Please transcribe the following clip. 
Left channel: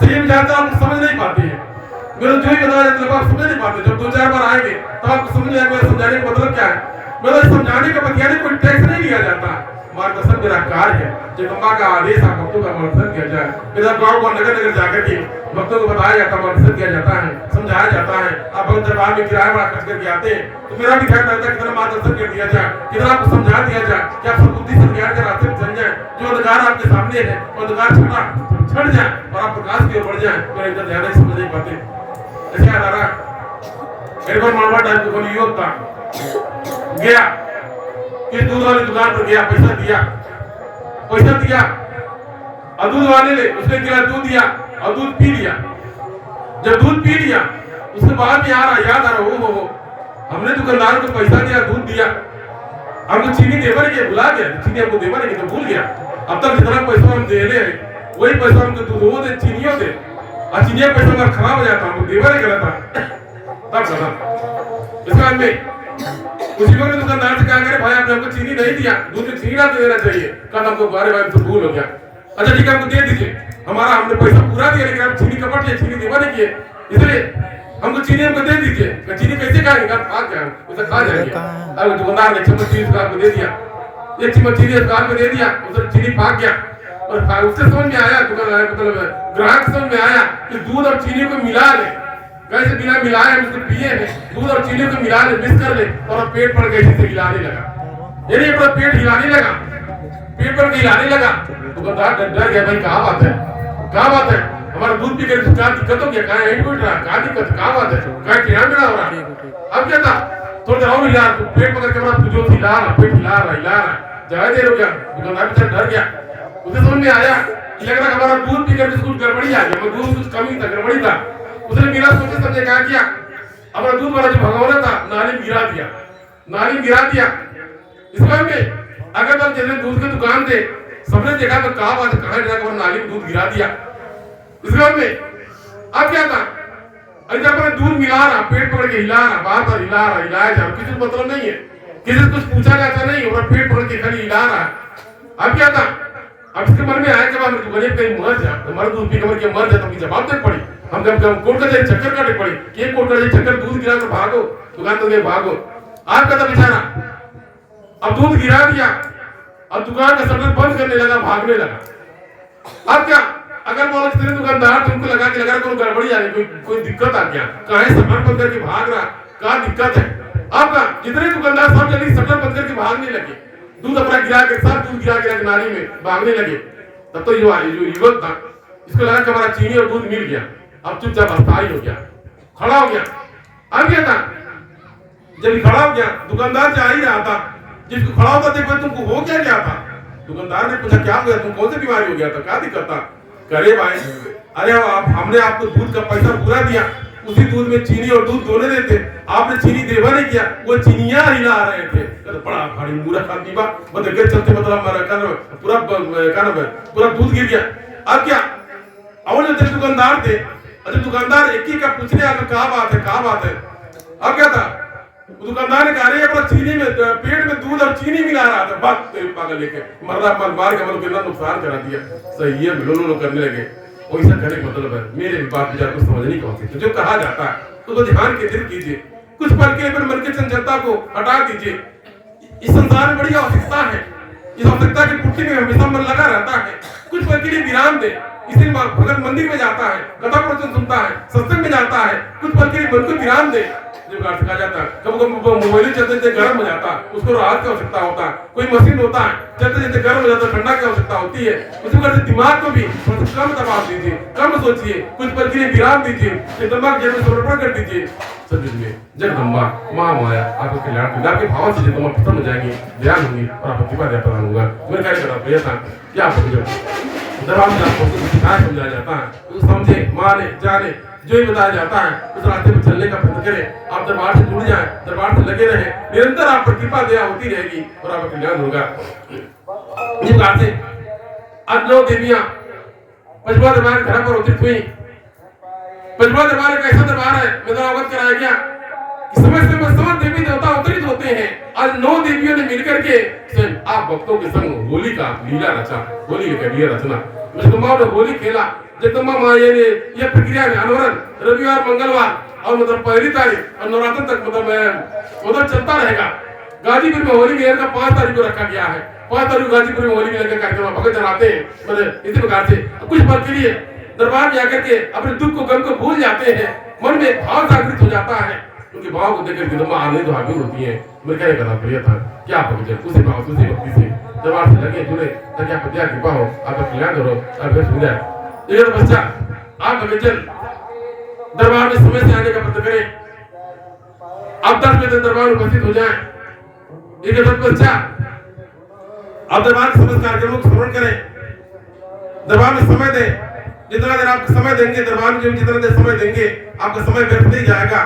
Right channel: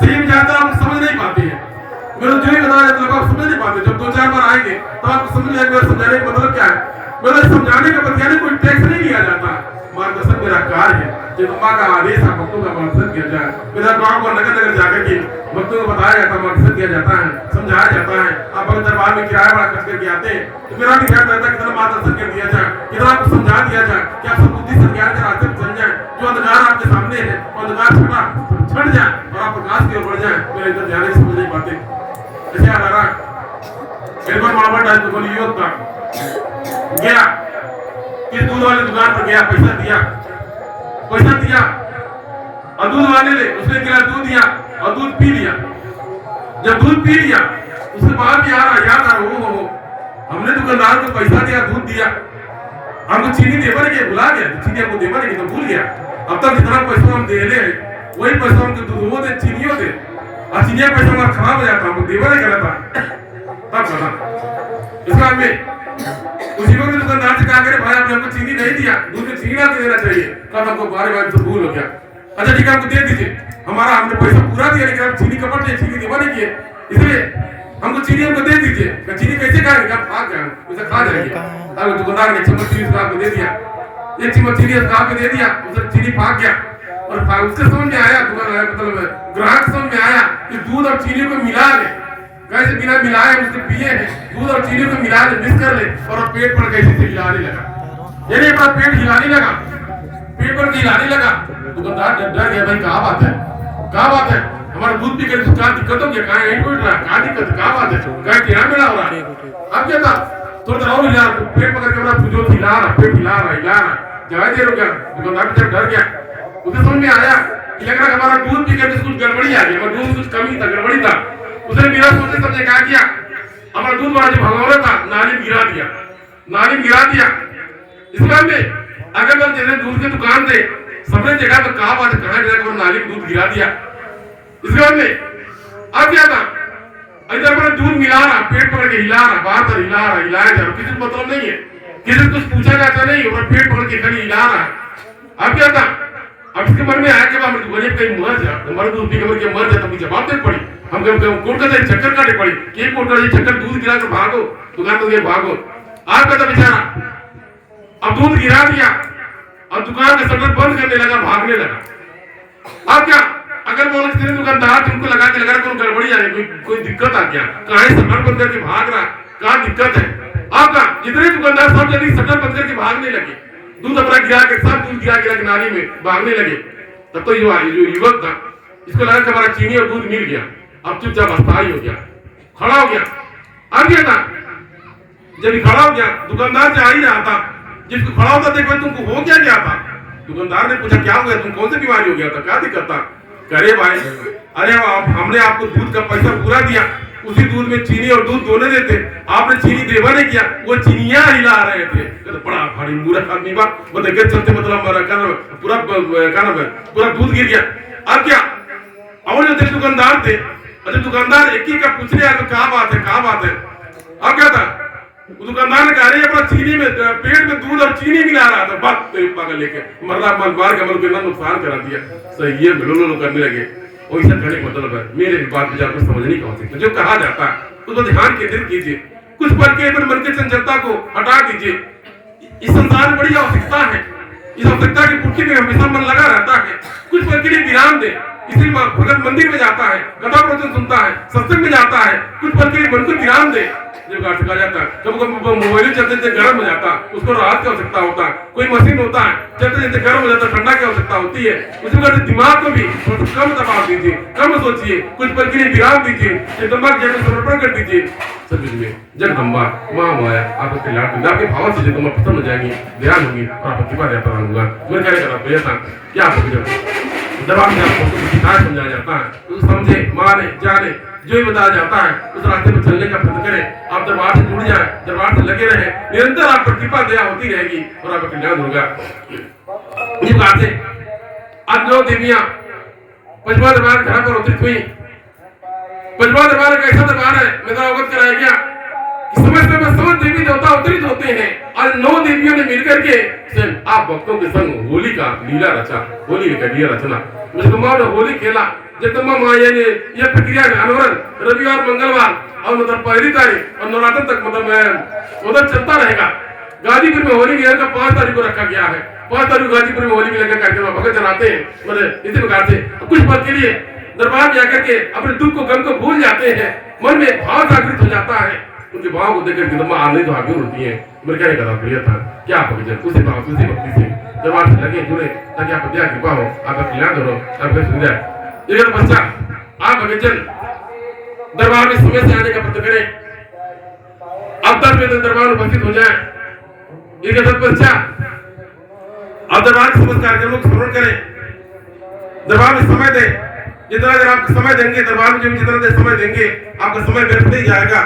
सही में जाता आप समझ नहीं पाते हैं। मेरा जो ही बताया तो आप समझ नहीं पाते। जब 2-4 बार आएंगे तो आपको समझ में आएगा मेरा समझाने का मतलब क्या है। मेरा समझाने का बतियाने कोई टैक्स नहीं लिया जाता। मार्गदर्शन मेरा कार्य है। जब अम्मा का आदेश है भक्तों का मार्गदर्शन किया जाए। मेरा गाँव को नगर नगर जाकर के भक्तों को बताया जाता है, मार्गदर्शन किया जाता है, समझाया जाता है। आप अगर दरबार में किराया बड़ा खर्च करके आते हैं तो मेरा भी ख्याल रहता है कितना मार्गदर्शन कर दिया जाए, कितना आपको समझा दिया जाए कि आप बुद्धि से ज्ञान के रास्ते पर चल जाए। जो अंधकार आपके सामने है वो अंधकार छट जाए और आप प्रकाश की ओर बढ़ जाए। मेरा इधर ध्यान से समझ नहीं पाते। ऐसे याद आ रहा है एक बार मामा डाल तो युवक था गया कि दूध वाली दुकान पर गया, पैसा दिया और दूध वाले ने उसने गिरा दूध दिया और दूध पी लिया। जब दूध पी लिया उसके बाद में याद आ रहा हो हमने दुकानदार को पैसा दिया, दूध दिया, हमको चीनी देवर के भुला गया। चीनी हमको देवर के तो भूल गया। अब तक जितना पैसा हम दे रहे हैं वही पैसा हमको दूधों दे, चीनियों दे, और चीनिया पैसा हमारा खराब हो जाता, हमको देवर ही गलत था तब गलत। इसके बाद में उसी वक्त दुकानदार से कहा करे भाई आपने हमको चीनी नहीं दिया, दूध में चीनी ना देना चाहिए। कल हमको बारे बारे से भूल हो गया। अच्छा ठीक है हमको दे दीजिए, हमारा हमने पैसा पूरा दिया लेकिन हम चीनी कपट दिए, चीनी देवा नहीं किए, इसलिए हमको चीनी हमको दे दीजिए। चीनी कैसे खाएंगे, आप खा जाए उसे खा जाएंगे। अब दुकानदार ने चम्मच चीनी उसका दे दिया, एक चम्मच चीनी उसका दे दिया, उसे चीनी भाग गया। और उससे समझ में आया, दुकान मतलब ग्राहक समझ में आया कि दूध और चीनी को मिला ले, कैसे बिना मिलाए उसको पिए हैं, दूध और चीनी को मिला ले, मिक्स कर ले, और पेट पर कैसे से हिलाने लगा। यानी अपना पेट हिलाने लगा, पेट पर हिलाने लगा। दुकानदार डर गया, भाई क्या बात है, क्या बात है, हमारा दूध पी कर क्या दिक्कत हो गया, कहाँ एंड उठ रहा है, क्या दिक्कत, क्या बात है, क्या क्या मिला हो रहा है। अब क्या था, थोड़ा देर और हिला, पेट पकड़ के अपना जो हिला रहा, पेट हिला रहा, ज्यादा देर हो गया। दुकानदार बेचारा डर गया, उसे समझ में आया कि लग रहा हमारा दूध पी कर कुछ गड़बड़ी आ गई, दूध कुछ कमी था, गड़बड़ी था। उसने बिना सोचे समझे क्या किया, हमारा दूध बड़ा जो भगवाना था नाली में गिरा दिया, नाली में गिरा दिया। इस बार में अगर हम जैसे दूध की दुकान थे सबने देखा तो कहा बात कहाँ गिरा, नाली में दूध गिरा दिया। इस बार में अब क्या था, इधर पर दूध मिला रहा, पेट पकड़ के हिला रहा, बार बार हिला रहा, हिलाया जा रहा, किसी को मतलब नहीं है, किसी को कुछ पूछा जाता नहीं, और पेट पकड़ के खाली हिला रहा है। अब क्या था, अब इसके मन में आया कि हम गरीब कहीं मर जा, हमारा दूध पी के मर जाता, मुझे जवाब देनी पड़ी, हम कोर्ट का चक्कर काटे पड़ी, एक कोर्ट का चक्कर, दूध गिरा कर भागो, दुकान तो गए भागो। आप कहता बेचारा अब दूध गिरा दिया और दुकान का शटर बंद करने लगा, भागने लगा। अब क्या, अगर वो किसी दुकानदार तुमको लगा के लगा कोई गड़बड़ी आ गई, कोई दिक्कत आ गया, कहीं शटर बंद करके भाग रहा, क्या दिक्कत है। आपका जितने दुकानदार सब जल्दी शटर बंद करके भागने लगे, दूध अपना गिरा के सब दूध गिरा के नाली में भागने लगे। तब तो जो युवक था इसको लगा कि हमारा चीनी और दूध मिल गया, अब चुपचाप अस्थायी हो गया, खड़ा हो गया। अब क्या था, जब खड़ा हो गया दुकानदार से आ ही रहा था, जिसको खड़ा होता देखो तुमको हो क्या था। दुकानदार ने पूछा क्या हो गया, तुम कौन सी बीमारी हो गया था, क्या दिक्कत था। करे भाई अरे हमने आपको दूध का पैसा पूरा दिया, उसी दूध में चीनी और दूध दोनों देते, आपने चीनी देवा नहीं किया, वो चीनियां हिला रहे थे। तो बड़ा भारी मूर्ख आदमी बा, वो देखे चलते मतलब पूरा पूरा दूध गिर गया। अब क्या, और जो तेरे दुकानदार थे, अच्छा दुकानदार एक ही का पूछने आया क्या बात है, क्या बात है। अब क्या था, दुकानदार ने कहा अपना चीनी में पेट में दूध और चीनी मिला रहा था, बात पागल लेके मरदा मार के मतलब कितना नुकसान करा दिया। सही है लो करने लगे। और ऐसा कहने का मतलब है मेरे बात विचार को समझ नहीं पहुंचती, तो जो कहा जाता है तो ध्यान केंद्रित कीजिए, कुछ पल के अपने मन की चंचलता को हटा दीजिए। इस संसार में बड़ी आवश्यकता है, इस आवश्यकता की पूर्ति में हमेशा मन लगा रहता है। कुछ पल के लिए विराम दे, इसलिए भगत मंदिर में जाता है, कथा प्रवचन सुनता है, सत्संग में जाता है, कुछ पल के लिए मन को विराम दे। जो अर्थ कहा जाता है, कभी मोबाइल चलते गर्म हो जाता है, उसको राहत की आवश्यकता होता है, कोई मशीन होता है चलते चलते गर्म हो जाता है, ठंडा की आवश्यकता होती है। उसी वजह से दिमाग को भी कम दबाव दीजिए, कम सोचिए, कुछ पल के लिए विराम दीजिए, दिमाग जड़ में समर्पण कर दीजिए। सभी में जगदम्बा माँ माया आपको कल्याण के भाव से तुम खत्म हो जाएंगी, ध्यान होंगी और आप प्रतिभा जाता रहूंगा। मेरे कार्य करा था क्या आपको दरबार में आपको सिखाया समझाया जाता है, तो समझे माने जाने जो भी बताया जाता है उस रास्ते पर चलने का प्रयत्न करें। आप दरबार से जुड़ जाए, दरबार से लगे रहे, निरंतर आप पर कृपा दया होती रहेगी और आपका कल्याण होगा। ये बात है, आज 9 देवियां पंचमा दरबार घर पर उतरित हुई। पंचमा दरबार एक ऐसा दरबार है, मेरा अवगत कराया गया, समय समय 7 देवी देवता अवतरित होते हैं। आज 9 देवियों ने मिलकर के आप भक्तों के संग होली का लीला रचा, होली का लीला रचना। मुझे ने होली खेला, जगदम्बा माया ने यह प्रक्रिया अनवरन रविवार मंगलवार और मतलब पहली तारीख और नवरात्र तक मतलब चलता रहेगा। गाजीपुर में होली मिलन का 5 तारीख को रखा गया है। 5 तारीख को गाजीपुर में होली मिलन का कार्यक्रम भगत चलाते हैं, मतलब इसी प्रकार से कुछ पल के लिए दरबार में आकर के अपने दुख को गम को भूल जाते हैं, मन में भाव जागृत हो जाता है। उनके भाव को देखकर जगदम्बा आने तो आगे होती है। मेरे कहने का तात्पर्य था क्या भगत उसी भाव उसी भक्ति से दरबार से लगे जुड़े ताकि आप दया कृपा हो, आपका कल्याण करो, आपका सुविधा। इसके पश्चात आप भगतजन दरबार में समय से आने का प्रयत्न करें। अब 10 बजे तक दरबार में उपस्थित हो जाए। इसके तत्पश्चात आप दरबार के समस्त कार्यक्रमों को श्रवण करें, दरबार में समय दें। जितना अगर आप समय देंगे दरबार में, जितना देर समय देंगे आपका समय व्यर्थ नहीं जाएगा।